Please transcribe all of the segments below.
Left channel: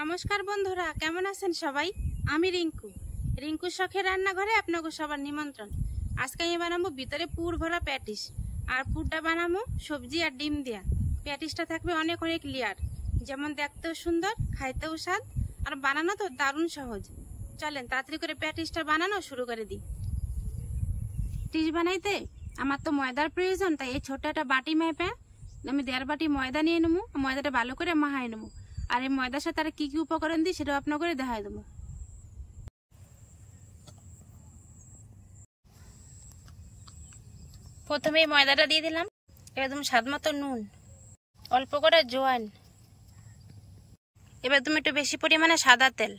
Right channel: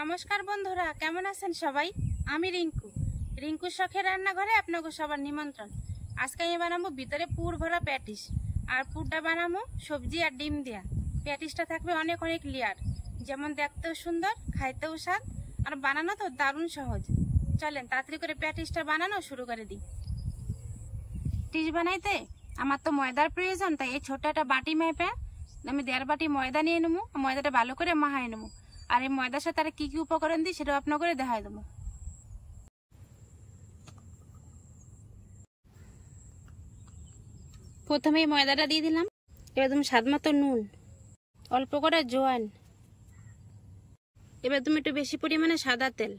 নমস্কার বন্ধুরা, কেমন আছেন সবাই? আমি রিঙ্কু শখের রান্নাঘরে আপনাকে সবার নিমন্ত্রণ। আজকে আমি বানাবো ভিতরে পুর ভরা প্যাটিস, আর পুরটা বানাবো সবজি আর ডিম দিয়া। প্যাটিসটা থাকবে অনেক অনেক লেয়ার, যেমন দেখতেও সুন্দর, খাইতেও স্বাদ, আর বানানো তো দারুণ সহজ। চলেন তাড়াতাড়ি করে প্যাটিসটা বানানো শুরু করে দিই। প্যাটিস বানাইতে আমার তো ময়দার প্রয়োজন, তাই এই ছোট একটা বাটি মেপে আমি 1.5 বাটি ময়দা নিয়ে নেবো। ময়দাটা ভালো করে মাখাই নেবো, আর এই ময়দার সাথে আর কি কি উপকরণ দিই সেটাও আপনার করে দেখাই দেবো। প্রথমে এই ময়দাটা দিয়ে দিলাম। এবার তুমি স্বাদ মতো নুন, অল্প করে জোয়ান, এবার তুমি একটু বেশি পরিমাণে সাদা তেল,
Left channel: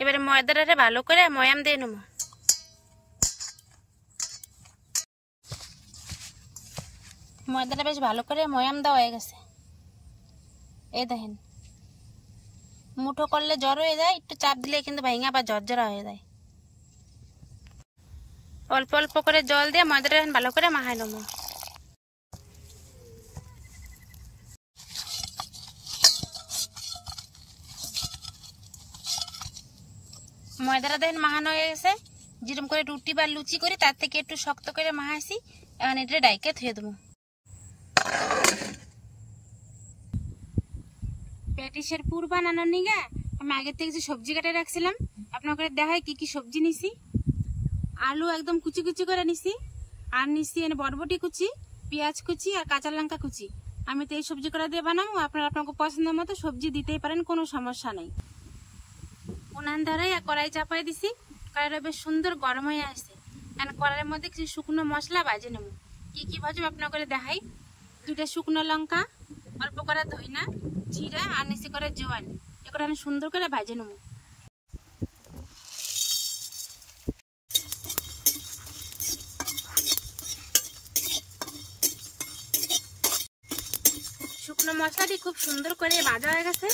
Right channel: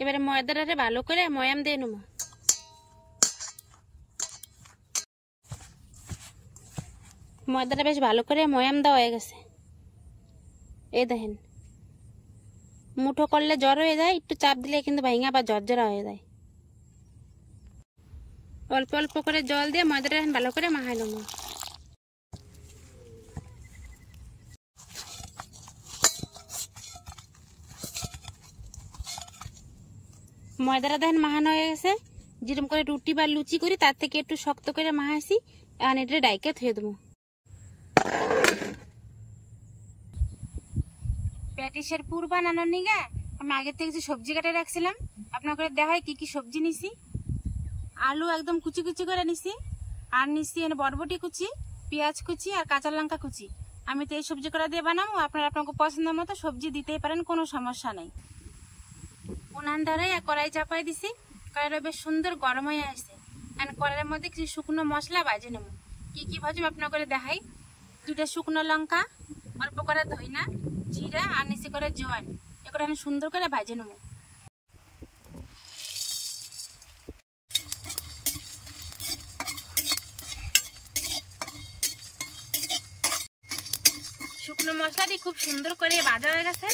এবারে ময়দাটা ভালো করে ময়াম দিয়ে নেবো। ময়দাটা বেশ ভালো করে ময়াম দেওয়া হয়ে গেছে। এই দেখেন, মুঠো করলে জ্বর হয়ে যায়, একটু চাপ দিলে কিন্তু ভেঙে আবার ঝরঝরা হয়ে যায়। অল্প অল্প করে জল দিয়ে ময়দাটা ভালো করে মাখাই নেবো। ময়দাটা দেখেন মাখানো হয়ে গেছে। যেরকম করে রুটি বা লুচি করি তার থেকে একটু শক্ত করে মাখাইছি। এখন এটা ডাইকে ধুয়ে দেবো। প্যাটিসের পুর বানানোর নিগে আমি আগে থেকে যে সবজি কাটে রাখছিলাম, আপনাকে দেখাই কি কি সবজি নিছি। আলু একদম কুচি কুচি করে নিছি, আর নিছি বরবটি কুচি, পেঁয়াজ কুচি, আর কাঁচা লঙ্কা কুচি। আমি তো এই সবজি করা দিয়ে বানাবো, আপনারা আপনাকে পছন্দ মতো সবজি দিতেই পারেন, কোনো সমস্যা নেই। উনান ধরে কড়াই চাপাই দিছি। কড়াইটা বেশ সুন্দর গরম হয়ে আসছে। কড়াইয়ের মধ্যে কিছু শুকনো মশলা ভাজে নেবো। কি কি ভাজবো আপনার করে দেখাই। 2টা শুকনো লঙ্কা, অল্প করে ধইনা, জিরা, আর নিচে করে জোয়ান, এগুলো আমি সুন্দর করে ভাজে নেবো। শুকনো মশলাটি খুব সুন্দর করে ভাজা হয়ে গেছে।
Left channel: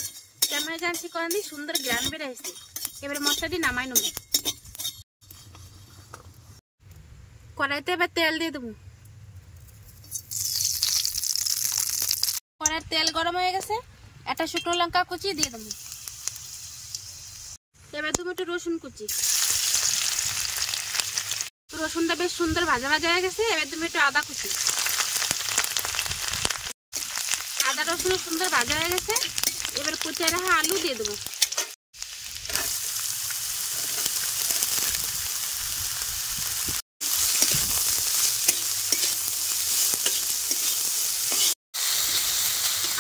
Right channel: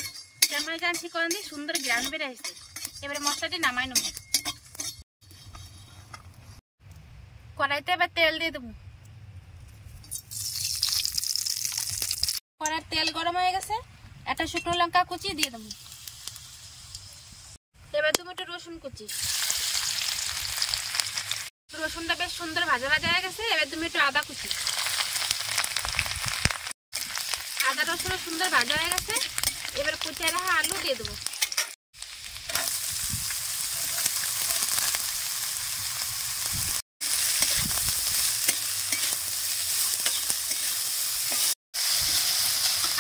কেমন জানছি করেন দিয়ে সুন্দর গ্রান বেড়ে আসছে। এবারে মশলাটি নামাই নেবো। কড়াইতে এবার তেল দিয়ে দেবো। কড়াইয়ের তেল গরম হয়ে গেছে। একটা শুকনো লঙ্কা কুচি দিয়ে দেবো। এবার দেবো একটু রসুন কুচি। রসুনটা বেশ সুন্দর ভাজা ভাজা হয়ে গেছে। এবার তুমি একটু আদা কুচি। আদা রসুন সুন্দর ভাজা হয়ে গেছে। এবার কুচে রাখা আলু দিয়ে দেবো।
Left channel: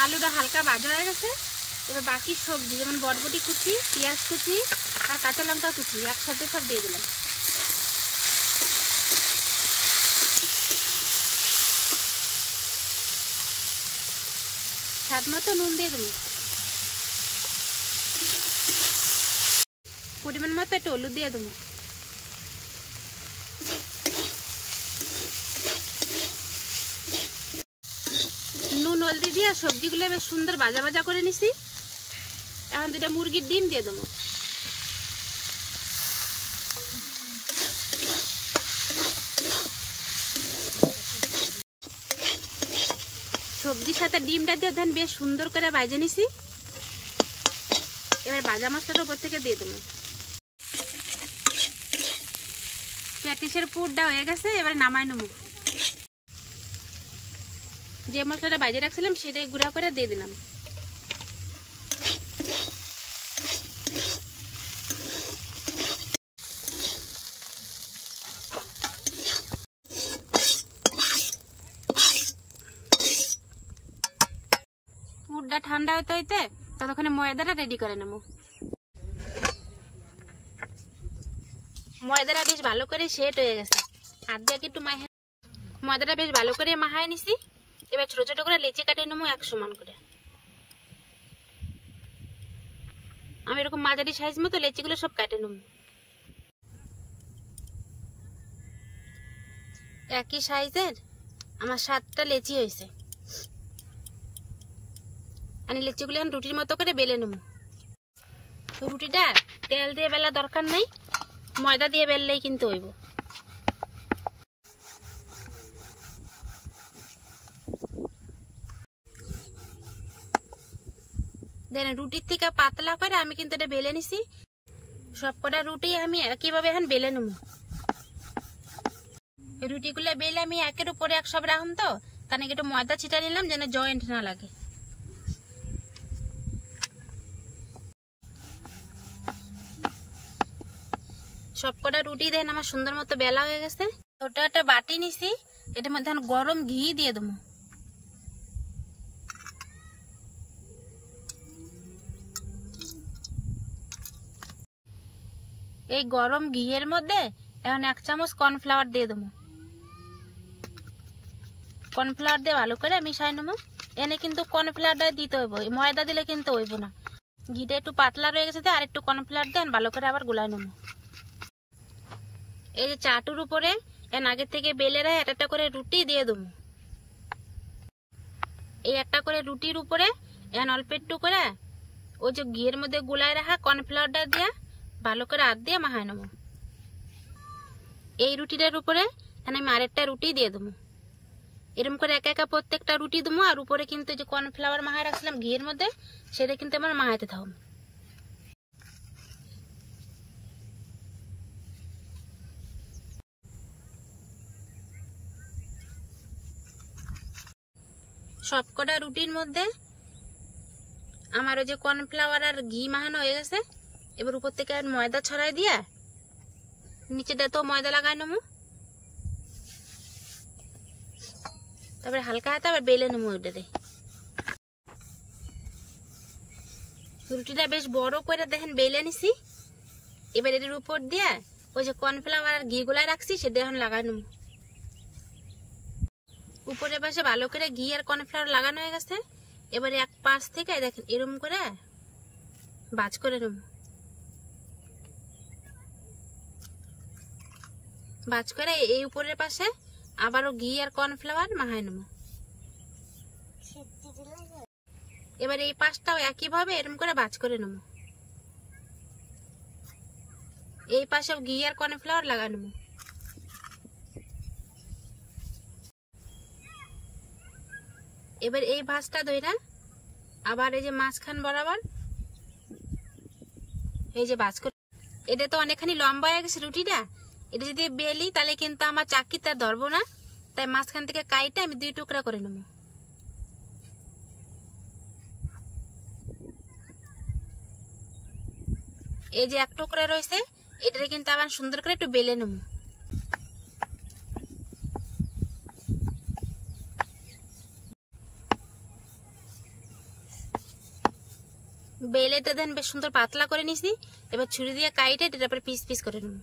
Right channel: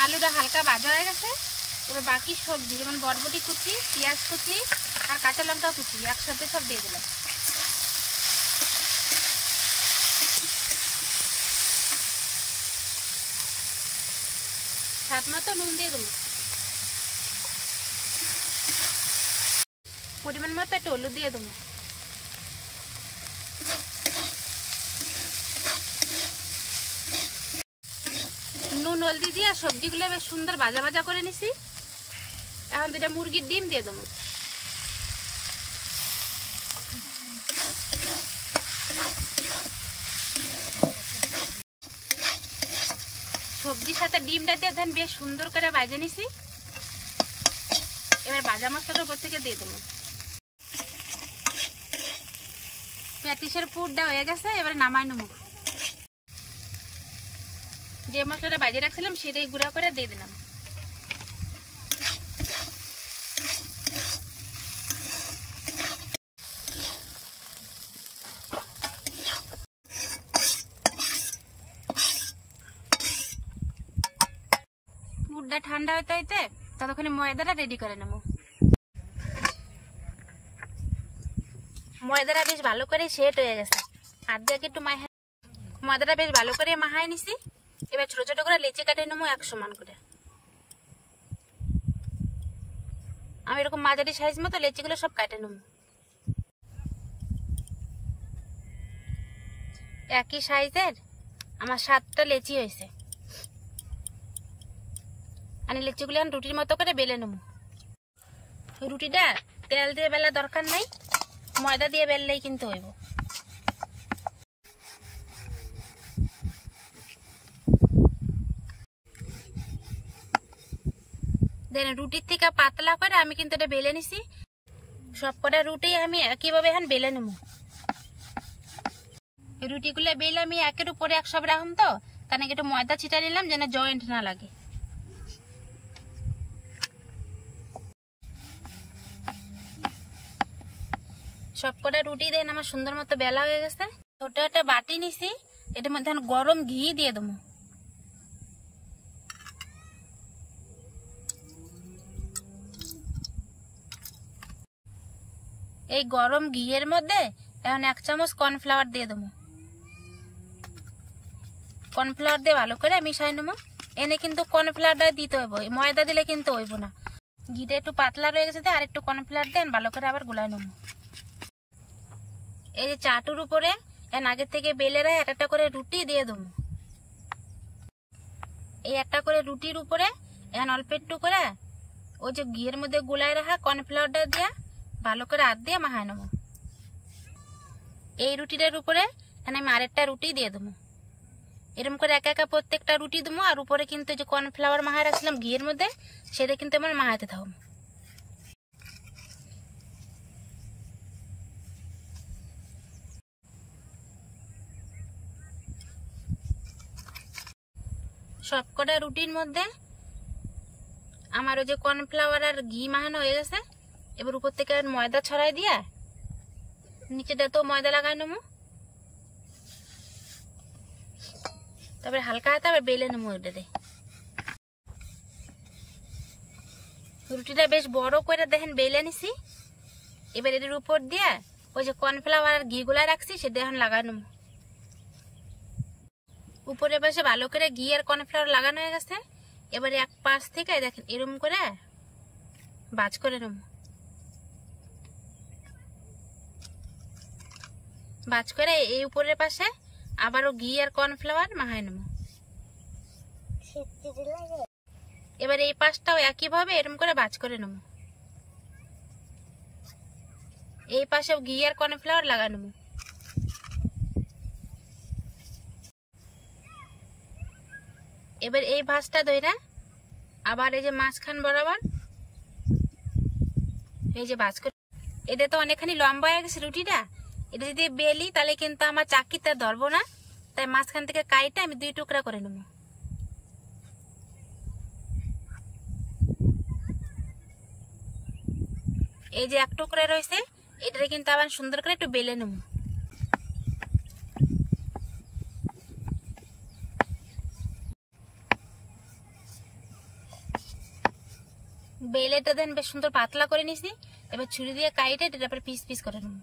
আলুটা হালকা ভাজা হয়ে গেছে। এবার বাকি সবজি যেমন বরবটি কুচি, পেঁয়াজ কুচি, আর কাঁচা লঙ্কা কুচি একসাথে সব দিয়ে দিলাম। স্বাদ মতো নুন দিয়ে দেবো। পরিমাণ মতো একটু হলুদ দিয়ে দেবো। নুন হলদি দিয়ে সবজিগুলো বেশ সুন্দর ভাজা ভাজা করে নিছি। এখন 2টা মুরগির ডিম দিয়ে দেবো। সবজির সাথে ডিমটা দিয়ে দেন বেশ সুন্দর করে ভাজে নিছি। এবার ভাজা মশলাটা উপর থেকে দিয়ে দেবো। প্যাটিসের পুরটা হয়ে গেছে। এবারে নামাই নেবো। যে মশলাটা ভাজে রাখছিলাম সেটাই গুঁড়া করে দিয়ে দিলাম। পুরটা ঠান্ডা হতে হইতে ততক্ষণে ময়দাটা রেডি করে নেবো। ময়দাটা বেশ ভালো করে সেট হয়ে গেছে। হাত দিয়ে একটু ময়দাটা বেশ ভালো করে মাখাই নিছি। এবার ছোট ছোট করে লেচি কাটে নেবো 1 সমান করে। আমি এরকম মাঝারি সাইজ মতো লেচিগুলো সব কাটে নেবো। একই সাইজের আমার 7টা লেচি হয়েছে। আমি লেচিগুলো রুটির মতো করে বেলে নেবো। রুটিটা তেল দিয়ে বেলা দরকার নাই, ময়দা দিয়ে বেললেই কিন্তু হইব। দেন রুটির থেকে পাতলা করে আমি কিন্তু এটা বেলে নিছি। সব কটা রুটি আমি একইভাবে এখন বেলে নেব। রুটিগুলো বেলে আমি একের উপরে এক সব রাখুন, তো তাহলে একটু ময়দা ছিটা নিলাম যেন জয়েন্ট না লাগে। সব কটা রুটি দেন আমার সুন্দর মতো বেলা হয়ে গেছে। ওটা একটা বাটি নিছি, এটার মধ্যে গরম ঘি দিয়ে দেবো। এই গরম ঘিয়ের মধ্যে এখন 1 চামচ কর্নফ্লাওয়ার দিয়ে দেবো। কর্নফ্লাওয়ার দিয়ে ভালো করে মিশাই নেবো। এনে কিন্তু কর্নফ্লাওয়ারটা দিতে হইব, ময়দা দিলে কিন্তু হইব না। ঘিটা একটু পাতলা রয়ে গেছে, আর একটু কর্নফ্লাওয়ার দেন ভালো করে আবার গুলাই নেবো। এই যে চাটুর উপরে এন আগের থেকে বেলে রাখে একটা করে রুটি দিয়ে দেবো। এই একটা করে রুটির উপরে এখন অল্প একটু করে ওই যে ঘিয়ের মধ্যে গুলাই রাখা কর্নফ্লাওয়ারটা দিয়ে ভালো করে হাত দিয়ে মাখাই নেবো। এই রুটিটার উপরে আমি আরেকটা রুটি দিয়ে দেবো। এরকম করে একা একা প্রত্যেকটা রুটি দেবো। আর উপরে কিন্তু যে কর্নফ্লাওয়ার মাখাই রাখছিলাম ঘিয়ের মধ্যে, সেটা কিন্তু আমার মাখাইতে থাকবো। সব কটা রুটির মধ্যে আমার ওই যে কর্নফ্লাওয়ার আর ঘি মাখানো হয়ে গেছে। এবার উপর থেকে ময়দা ছড়াই দিয়ে নিচেটা তো ময়দা লাগাই নেবো। তারপরে হালকা হাতে আবার বেলে নেবো। ওইটাতে রুটিটা বেশ বড় করে দেখেন বেলে নিছি। এবার এটার উপর দিয়ে ওই যে কর্নফ্লাওয়ার আর ঘি গুলা রাখছি সেটা এখন লাগাই নেবো। উপরে পাশে ভালো করে ঘি আর কর্নফ্লাওয়ার লাগানো হয়ে গেছে। এবারে এক পাশ থেকে দেখেন এরকম করে ভাঁজ করে নেব। ভাঁজ করে এই উপরের পাশে আবারও ঘি আর কর্নফ্লাওয়ার মাখাই নেব। এবার এই পাশটাও একইভাবে এরকম করে ভাঁজ করে নেব। এই পাশেও ঘি আর কর্নফ্লাওয়ার লাগা নেব। এবার এই ভাঁজটা ধইরা আবার এই যে মাঝখান বরাবর এই যে ভাঁজ করে, এটা তো অনেকখানি লম্বা হয়ে গেছে রুটিটা। এটা যদি বেলি তাহলে কিন্তু আমার চাকিটা ধরবো না, তাই মাঝখান থেকে কাইটা আমি 2 টুকরা করে নেব। এই যে 1 টুকরা রয়েছে, এটা কিন্তু আবার সুন্দর করে একটু বেলে নেব। বেলেটা দেন বেশ সুন্দর পাতলা করে নিছি। এবার ছুরি দিয়ে কাইটে এটা পরে পিস পিস করে নেব।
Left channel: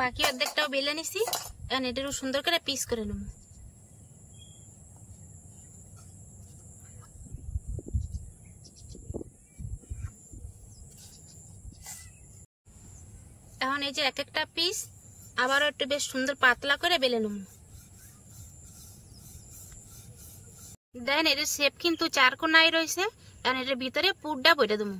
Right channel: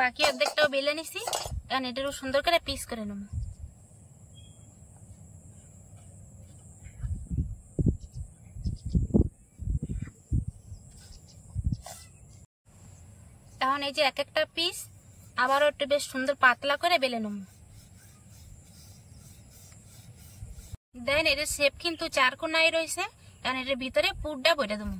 বাকি অর্ধেকটাও বেলে নিছি, এখন এটারও সুন্দর করে পিস করে নেব। এখন এই যে এক একটা পিস আবারও একটু বেশ সুন্দর পাতলা করে বেলে নেব। দেখেন এটার শেপ কিন্তু 4 কোণায় রয়েছে। এখন এটার ভিতরে পুরটা ভরে দেবো।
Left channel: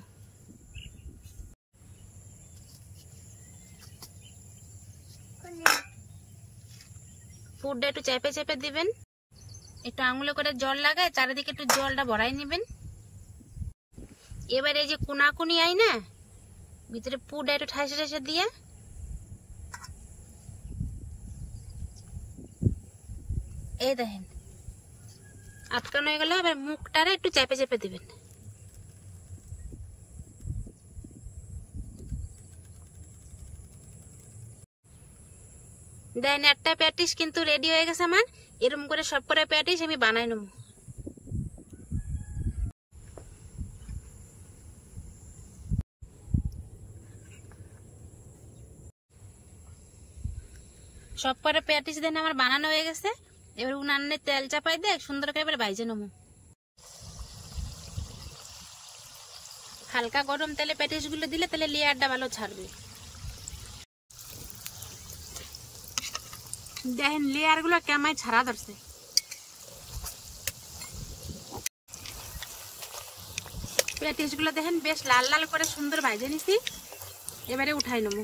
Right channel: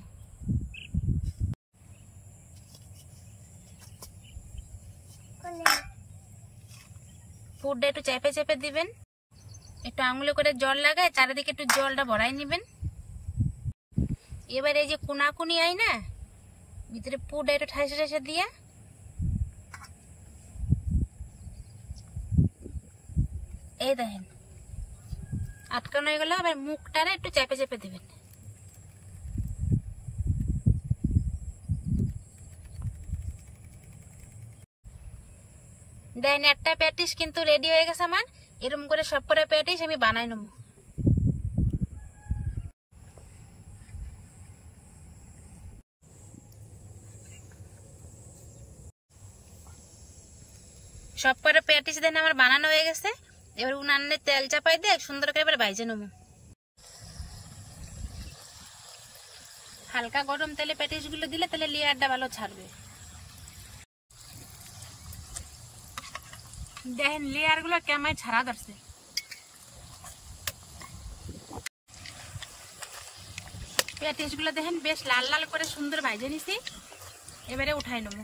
পুরটা একটু চেপে চেপে দিবেন, একটু আঙুলে করে জল লাগায় চারিদিকে একটু জলটা ভরাই নেবেন। এবার এই যে কোনাকুনি আই না, ভিতরে পুরটা একটু ঠাইসে ঠাইসে দিয়ে এই দেখেন আটকানো হয়ে গেল। এবার মুখটারে একটু চেপে চেপে দিবেন। দেন একটা প্যাটিস কিন্তু রেডি হয়ে গেছে আমার। এরকম করে সব করে প্যাটিস আমি বানাই নেব। সব করে প্যাটিস দেন আমার বানানো হয়ে গেছে। এবার উনানে তেল চাপাই দিয়ে সুন্দর করে এবার ভাইজে নেব। হালকা গরম তেলে প্যাটিস গুলো দিলে তাহলে লেয়ারটা ভালো ছাড়বে। দেখেন লেয়ার গুলো কেমন ছাড়া ধরছে। প্যাটিসগুলো দেখেন বেশ লাল লাল করে সুন্দর ভাজে নিছি। এবারে উঠাই নেব।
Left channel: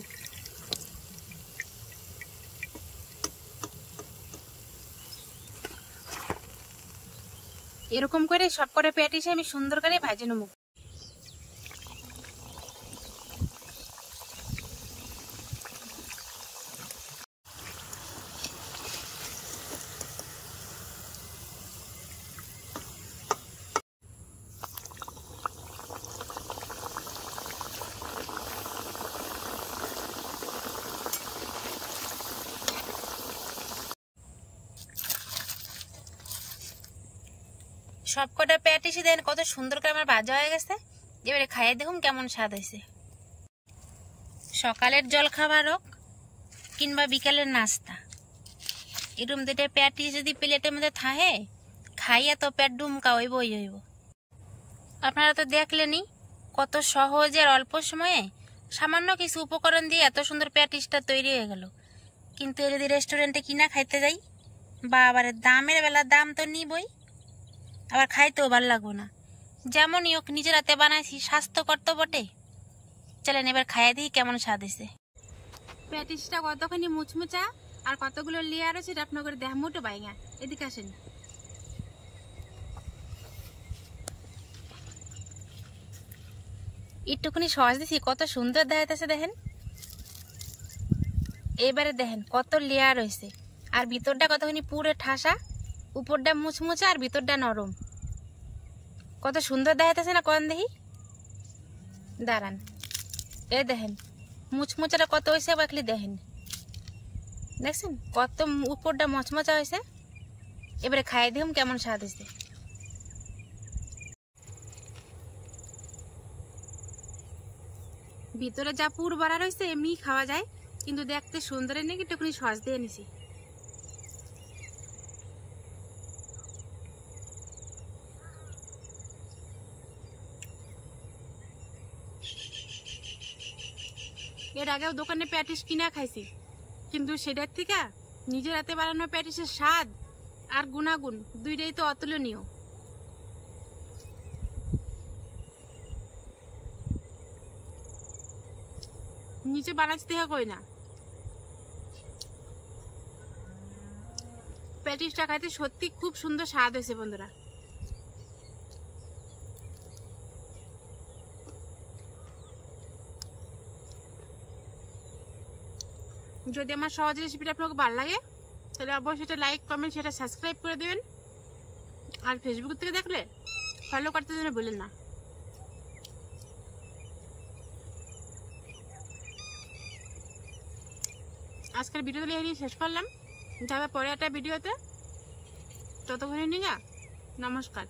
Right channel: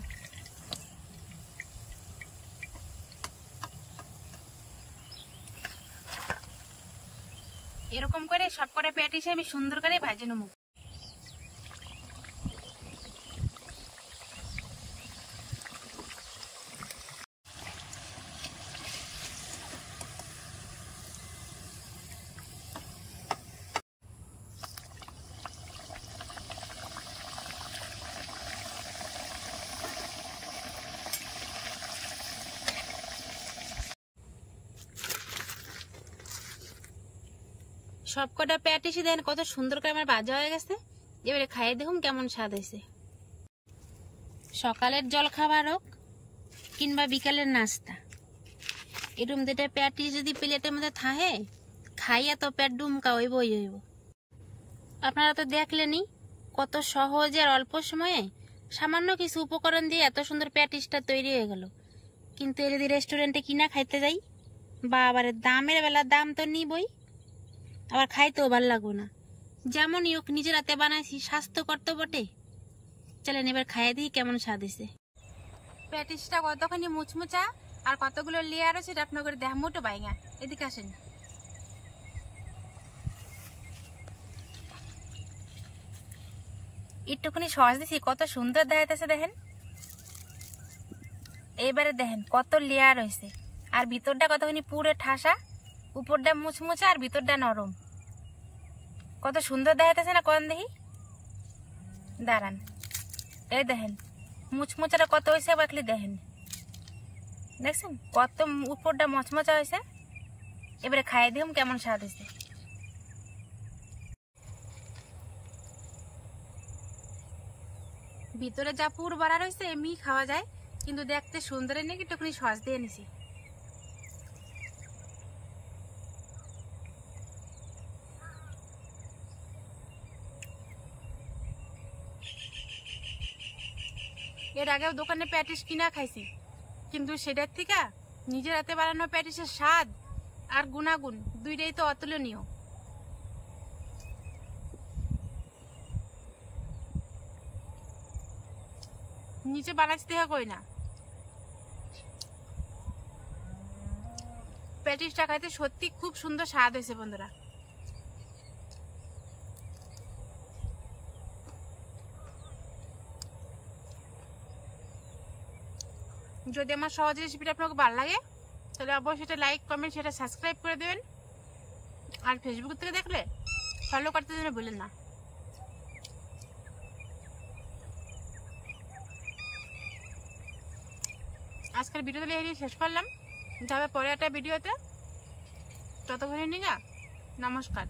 এরকম করে সব করে প্যাটিস আমি সুন্দর করে ভাজে নেব। সব কটা প্যাটিসই দেন কত সুন্দর করে আমার ভাজা হয়ে গেছে। এবারে খাইয়ে দেখুন কেমন স্বাদ হয়েছে। সকালের জল খাবার হোক কিংবা বিকালের নাস্তা, এরকম দুটো প্যাটিস যদি প্লেটের মধ্যে থাকে, খাইয়া তো পেট ডুমকা হইবই হইব। আপনারা তো দেখলেনই কত সহজে আর অল্প সময়ে সামান্য কিছু উপকরণ দিয়ে এত সুন্দর প্যাটিসটা তৈরি হয়ে গেল। কিন্তু এর যদি রেস্টুরেন্টে কিনা খাইতে যাই, বা আবার দামের বেলা দাম তো নিবই, আবার খাইতেও ভালো লাগবো না। যেমনই হোক নিজের হাতে বানাইছি, স্বাস্থ্যকর তো বটে। চলেন এবার খাইয়ে দিই কেমন স্বাদ হয়েছে। প্যাটিসটা কতখানি মুচমুচা আর কতগুলো লেয়ার আছে এটা আপনার করে দেখ মোটো বাইঙা। এদিকে আসেন। একটুখানি সস দিছি, কত সুন্দর দেখাইতেছে দেখেন। এবারে দেখেন কত লেয়ার হয়েছে, আর ভিতরটা কতখানি পুরো ঠাসা, উপরটা মুচমুচা আর ভিতরটা নরম। কত সুন্দর দেখাইতেছে না? কোন দেখি, দাঁড়ান, এই দেখেন মুচমুচাটা কত হয়েছে, বাকলি দেখেন, দেখছেন কত উপরটা মচমচা হয়েছে। এবারে খাইয়ে দিম কেমন স্বাদ হয়েছে। ভিতরে যা পুর বাড়া রয়েছে এমনি খাওয়া যায়, কিন্তু দেখতে সুন্দরের নাকি একটুখানি সস দিয়ে নিছি। এর আগেও দোকানে প্যাটিস কিনা খাইছি, কিন্তু সেটার থেকে নিজের হাতে বানানো প্যাটিসের স্বাদ আর গুণাগুণ দুইটাই তো অতুলনীয়। নিচে বানাচ্ছি দেখা কই না। প্যাটিসটা খাইতে সত্যি খুব সুন্দর স্বাদ হয়েছে বন্ধুরা। যদি আমার সহজ রেসিপিটা আপনাকে ভালো লাগে তাহলে অবশ্যই সেটা লাইক কমেন্ট সেটা সাবস্ক্রাইব করে দেবেন। আর ফেসবুক থেকে দেখলে ফলো করতে যেন ভুলেন না। আজকের ভিডিও তাহলে এই শেষ করলাম, যাবে পরে একটা ভিডিওতে। ততক্ষণে নিয়ে নমস্কার।